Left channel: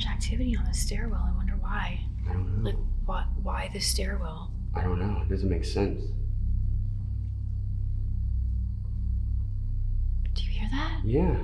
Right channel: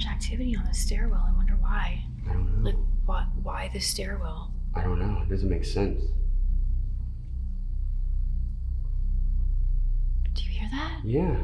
much activity on the stairwell. I wonder why. I don't know. Like, why the stairwell? I don't know. It doesn't make sense. Do you hear that? Yeah.